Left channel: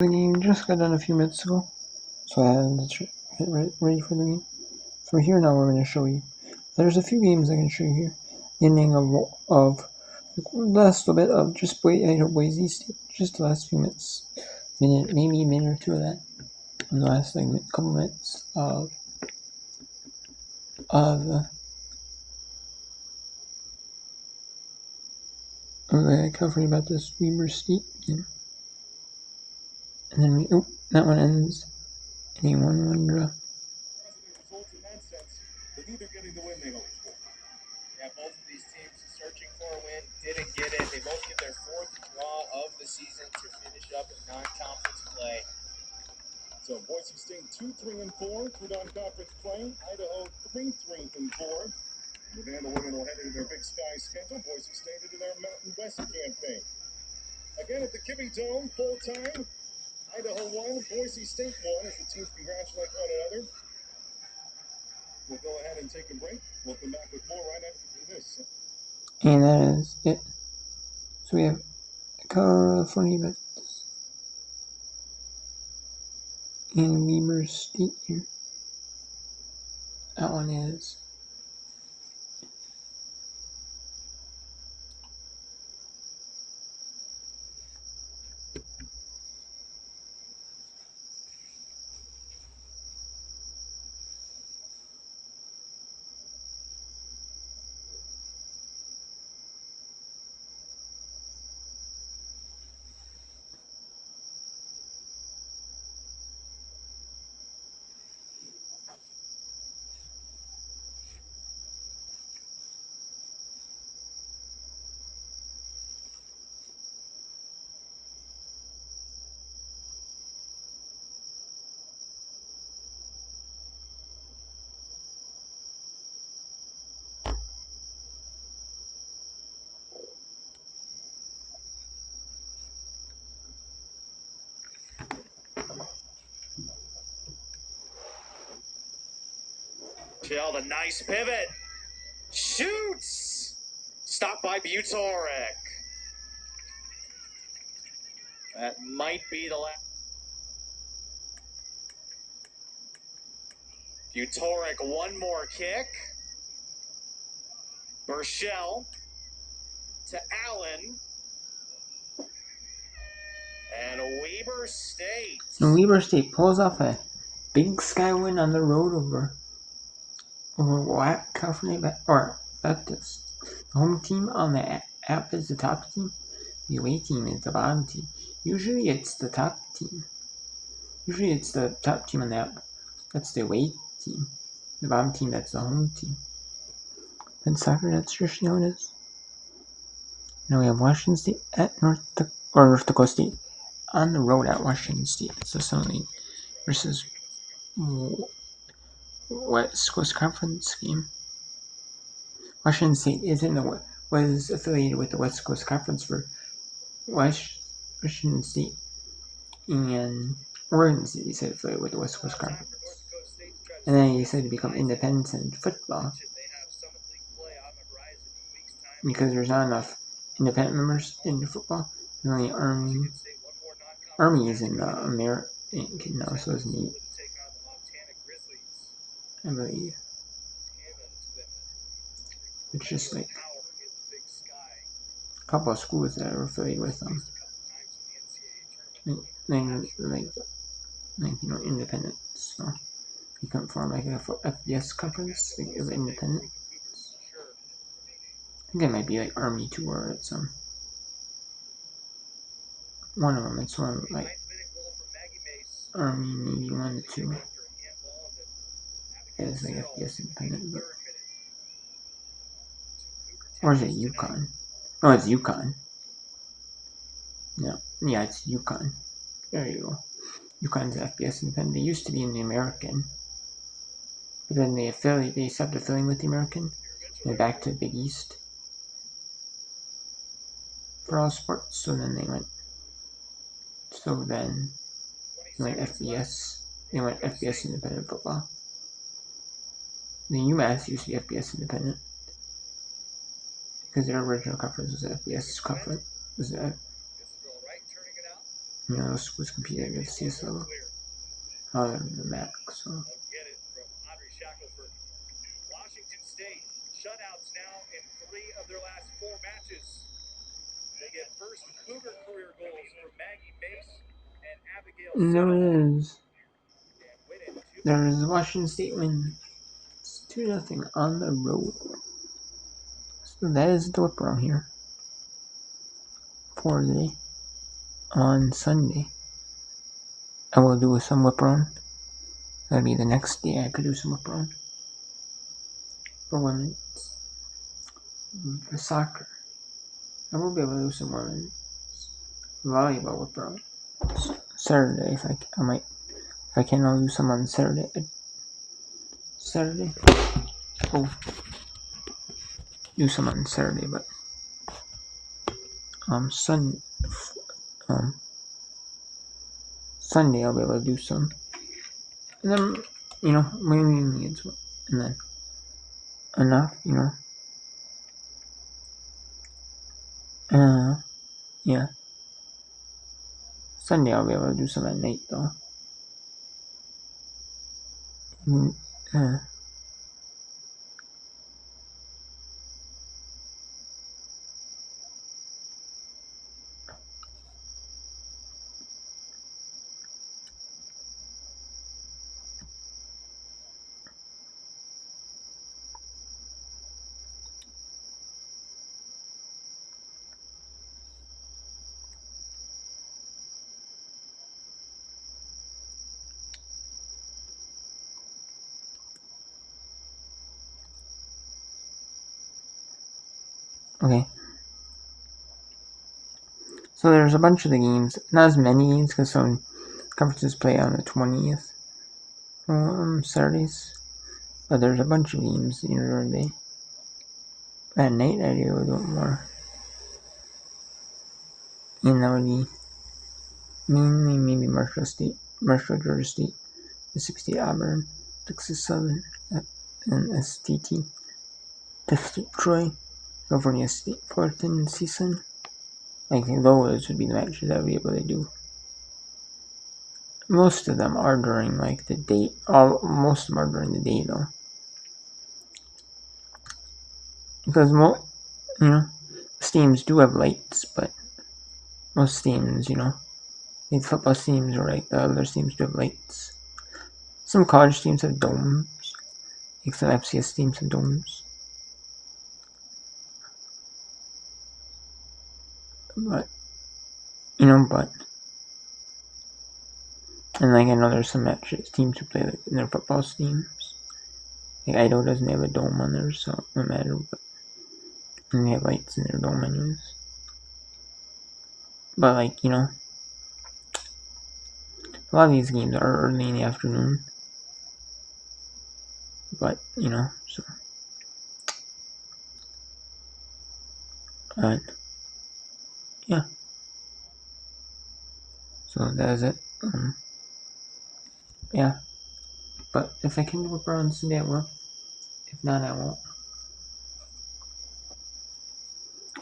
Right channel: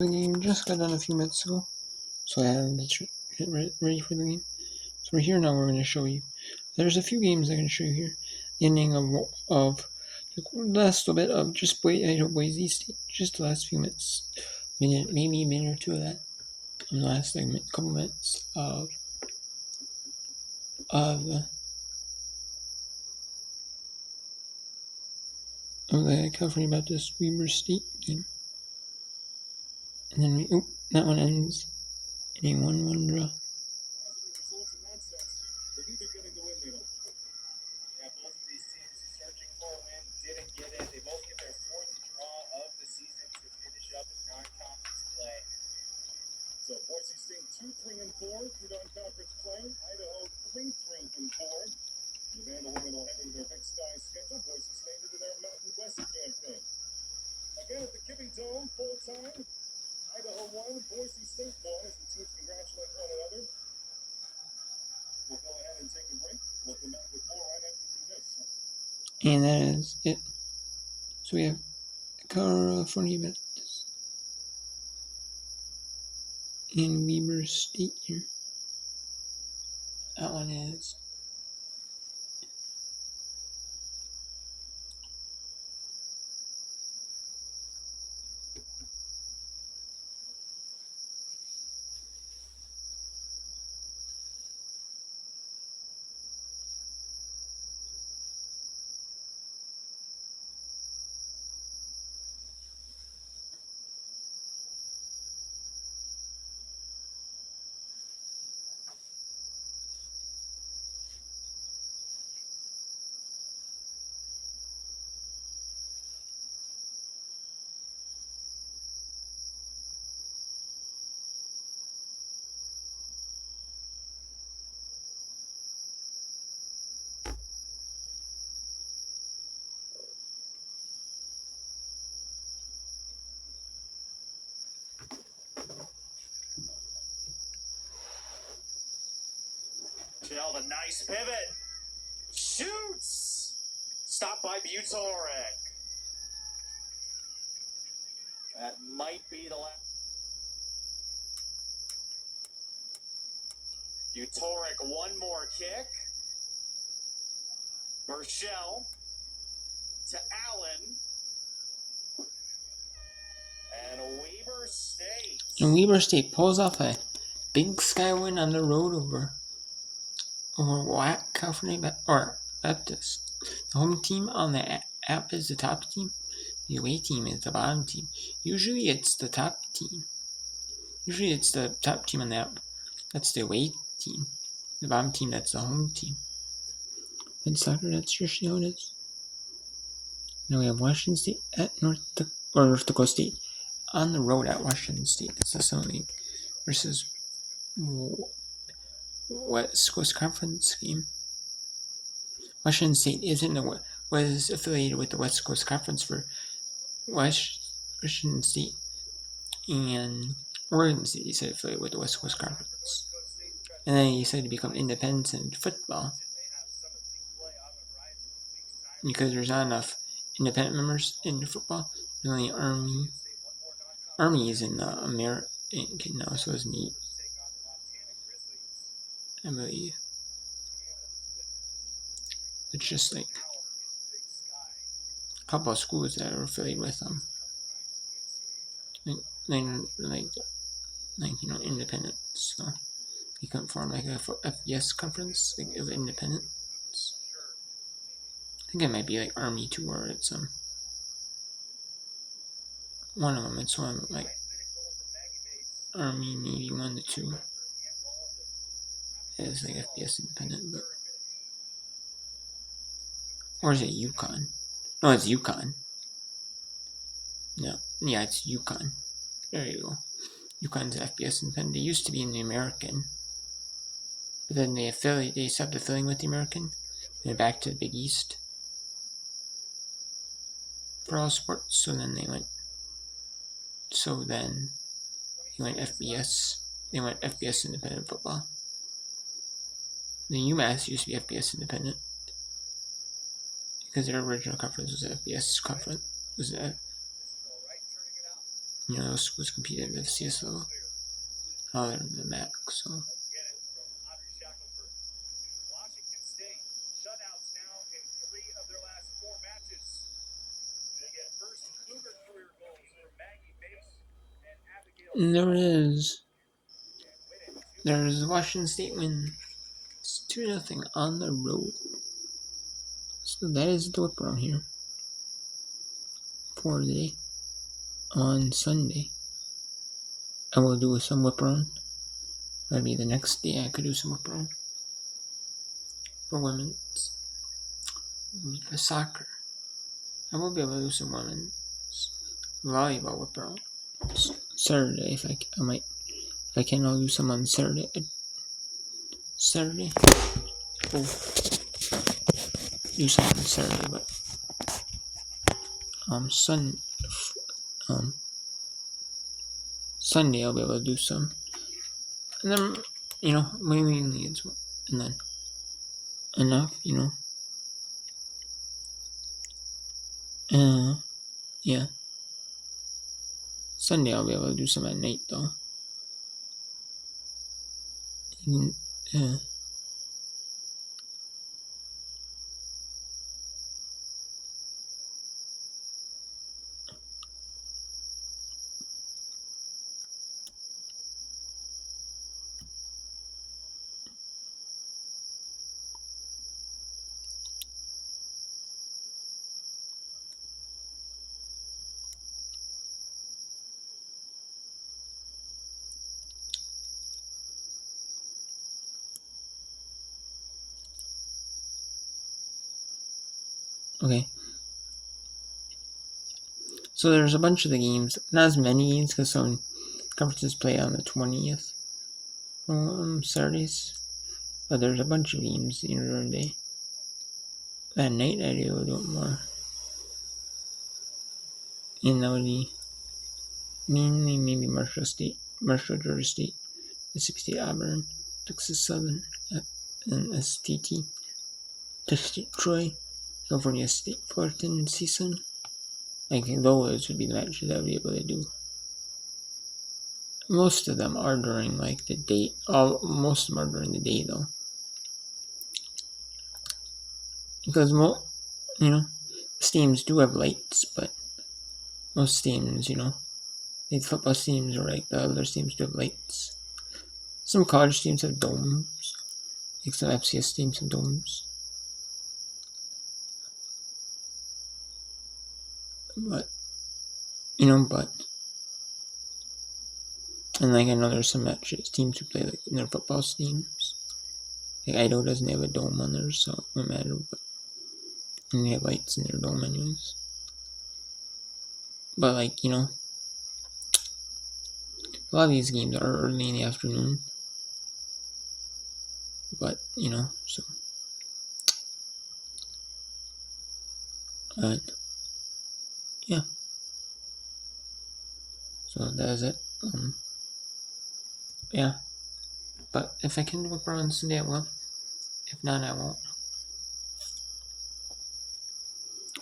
The game just got done a few minutes ago, so I had to get ready for the game. So we're here now. We're going to show you. There's a few games I can show you here. The ending of the last little bit of just Boise State, just the last few minutes, maybe a minute or two of that, and the last couple minutes of the California Baptist Weber State game, and then that one ends in a 1-1 draw. Neither getting the win they hoped for. Yeah, both of these teams searching for a win, didn't get it. They both get their fourth draw of the season to finish up non-conference play. So Boise State 2-3-4 through non-conference play. Idaho 3-3-4. Nevada women will head into their Big Sky schedule. Boise State into their Mountain West campaign. Again at the Kibbe Dome, full time. Idaho won, Boise State won as the teams congratulate one another. We'll go ahead and take a break. We'll come back with more right after this. And that is it. So we have California Baptist and Weber State here. That one is Chill, the nice pivot. Shoots! Stopped by Butorek. That might be the last. Butorek, one more kick. Burchell to Allen. And Weber State. And Weber State pulls off a Big Sky win on the road over California Baptist. The home team on the app is the top team. The away team is the bottom team. Usually it's the top team. Usually it's the top team on the app. That's the away team. The bottom team, that's the home team. In soccer, that's traditionally how it is. Now we have Washington State at North Dakota State on the road at Washington State. That's the Sun League versus West Coast Conference game. Washington State was affiliated with the West Coast Conference for Washington State, and Oregon State decided to affiliate with the West Coast Conference. And then he decided to become independent in football because there's not enough independent members in football. There's only Army is in American now, so it's neat. I believe it's just like a couple of schools that are affiliated with them. Independent. So you can form like a FBS conference of independence. I think it might be like Army too, or it's one of them. It's one like Army, Navy 1 to 2. It's like FBS independent, but or is it UConn? No, it's UConn. No, yeah, it's UConn. There you go. UConn's FBS independent. They used to be in the American, but then they stopped affiliating with the American, and back to the Big East for all sports. So then they went FBS. They went FBS independent football. The UMass used to be FBS independent because their original conference was the FBS conference. schools compete at the CS level. They're the MAC, so. Washington State shutouts now in 3 of their last 4 matches. They get first Cougar career goals from Maggie Mace and Abigail. There is Washington State win. It's 2-0 on the road. So that is the whip around here for the day. On Sunday, I will do some whip around. That'll be the next day I could do some whip around. For women's soccer, I will be able to do some women's volleyball whip around. Saturday, if I can, I'll do some on Saturday. Oh, do some on Saturday, but Sunday I'll be able to do some, and then mainly it's and then enough, yeah. Sunday I'll be able to do some at night though. Okay. So there's a bunch of the games, not as many games because some conferences play on the 20th Saturdays, but there's a bunch of games during the day. At night I'd be able to do it more. And that would be mainly maybe Marshall, Georgia State, Mississippi State, Auburn, Texas Southern, and STT, Texas State, Troy, California State, Fullerton, CSUN. Like those would be the matches I would be able to do. Most of them are during like the day. Most of them are during the day though, because teams do have lights, but most teams, these football teams or like the other teams do have lights. Some college teams have domes. Like some FCS teams have domes. But and like I know there's some matches teams who play like in their football teams. Like Idaho doesn't have a dome on theirs, so it doesn't matter. But and they have lights in their dome anyways. But like a lot of these games are early in the afternoon. But so. Yeah. So that is it. Yeah. But if I can do it on Sunday, I will. If not, I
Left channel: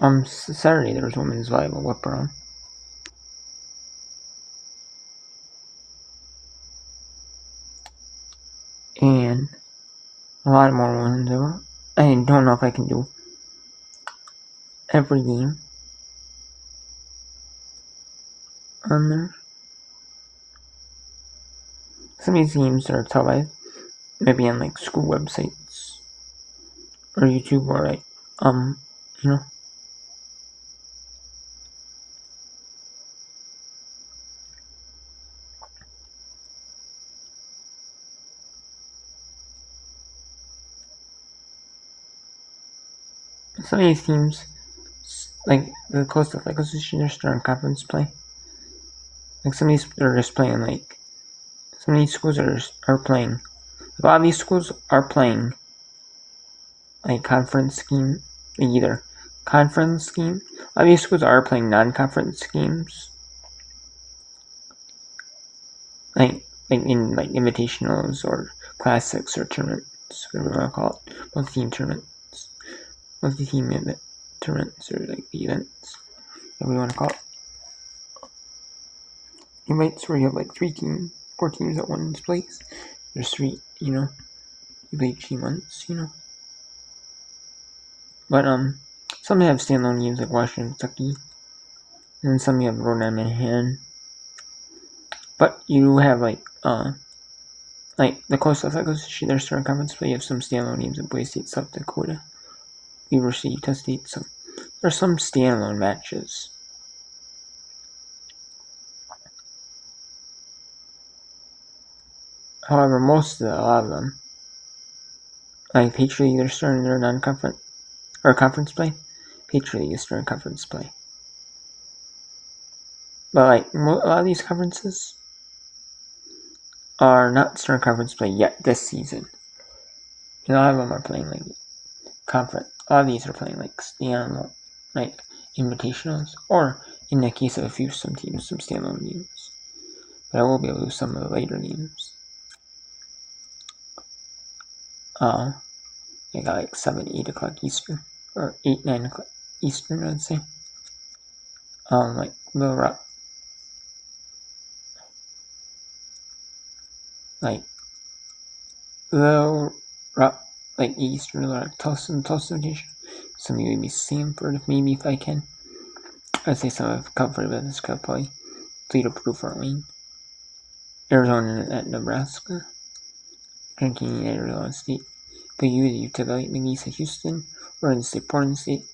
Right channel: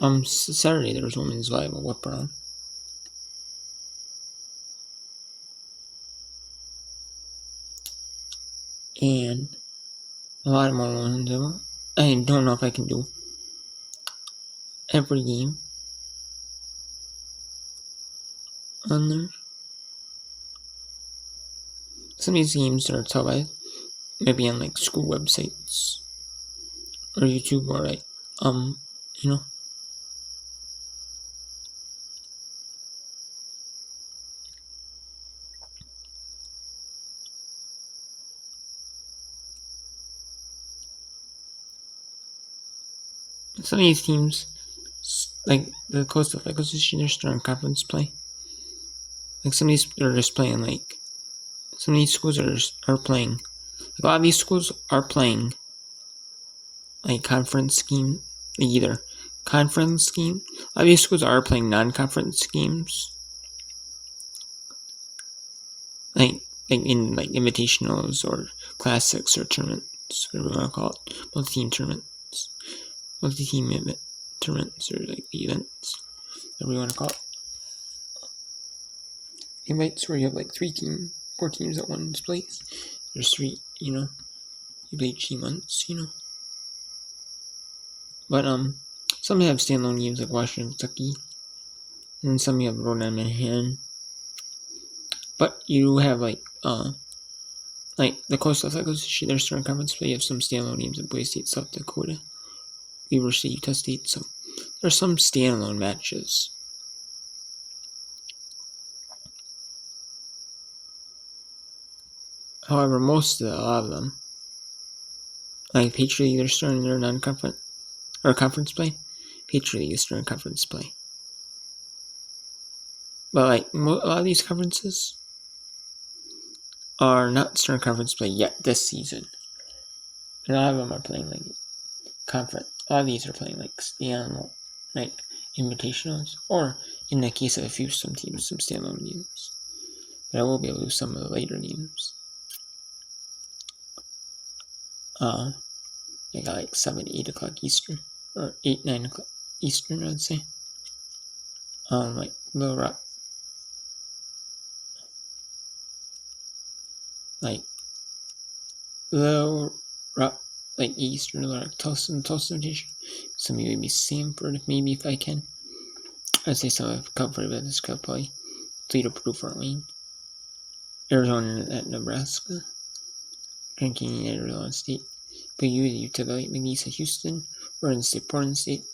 won't. Saturday there's women's volleyball whip around. And a lot more ones. I don't know if I can do every game on there. Some of these games are televised, maybe on like school websites or YouTube or like some of these teams, like the Coastal Association, they're starting conference play. Like some of these are just playing like. Some of these schools are playing. A lot of these schools are playing like conference scheme, either conference scheme. A lot of these schools are playing non-conference schemes, like in like invitationals or classics or tournaments, whatever you want to call it, multi-team tournaments, multi-team tournaments or like the events, whatever you want to call it. invites where you have like 4 teams at one place. There's 3, you play each team once, But some have standalone games like Washington, Kentucky, and then some you have Rhode Island, Manhattan. But you have like the Coastal Athletic Association, their starting conference play. You have some standalone games at Boise State, South Dakota, Weber State, Utah State. So there are some standalone matches. However, a lot of them, like Patriot League, they're starting their non-conference or conference play. Patriot League is starting conference play. But like a lot of these conferences are not starting conference play yet this season. And a lot of them are playing like conference. A lot of these are playing like standalone, like invitationals, or in the case of a few some teams, some standalone games. But I will be able to do some of the later games. They got like 7, 8 o'clock Eastern, or 8, 9 o'clock Eastern, I'd say. Like Little Rock, like Little Rock, like Eastern, Little Rock, Tulsa Invitation. Some of you maybe Sanford, maybe if I can. I'd say some have covered, but this could probably Toledo, Purdue, Fort Wayne, Arizona at Nebraska, Grand Canyon at Arizona State, BU, Utah Valley, McNeese, Houston, Oregon State, Portland State,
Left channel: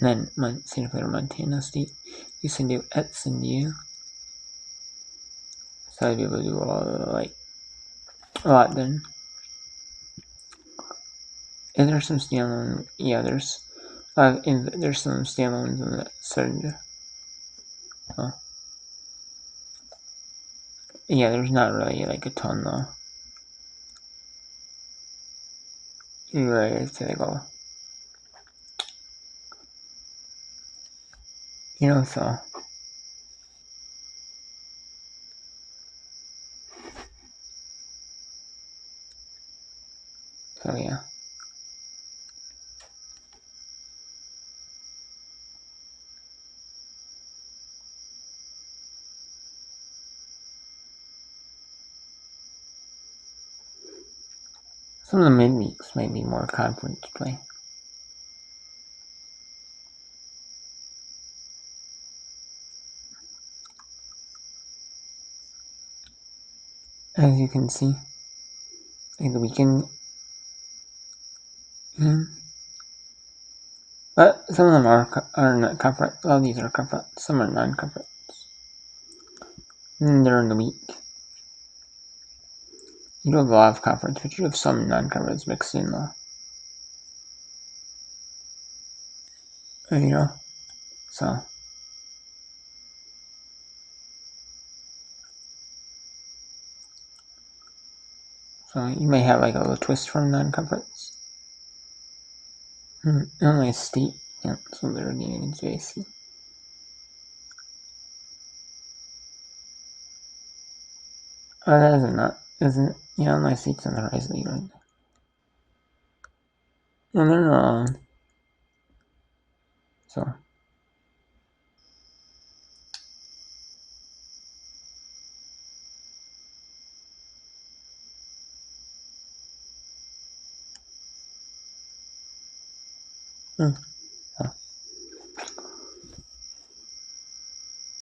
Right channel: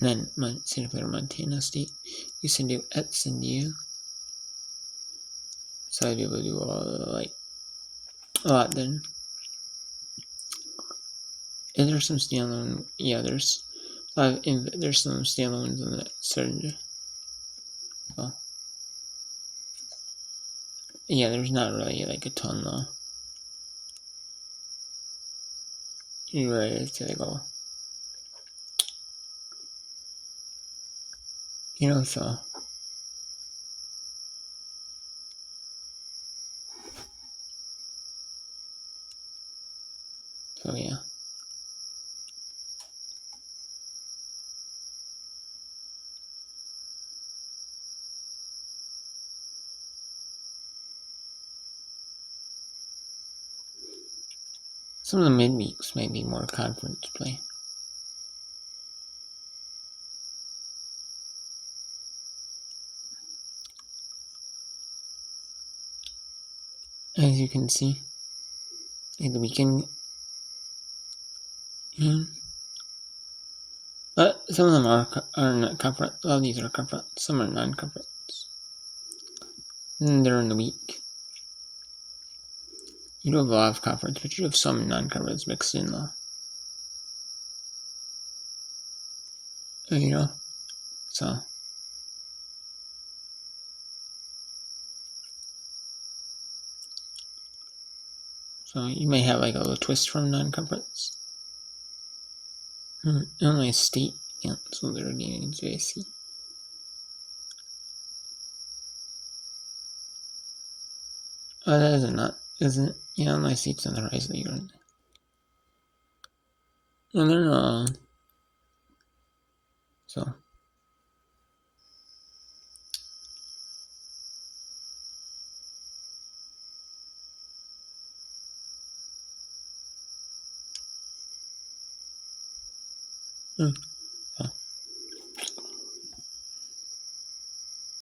and then Santa Clara, Montana State, UCLA at San Diego. So I'd be able to do a lot then. And there's some standalone, there's some standalones in the starting. So, there's not really like a ton though. You're right, I'd say like all. So. So yeah. Some of the midweeks might be more conference play. As you can see, in the weekend, but some of them are not conference. A lot of these are conference. Some are non-conference. And they're in the week. You do have a lot of conference, but you have some non-conference mixed in though. So. So you may have like a little twist from non-conference. Illinois State canceled their game against JC. That isn't it? Yeah, Illinois State's in the Rise League. And they're so.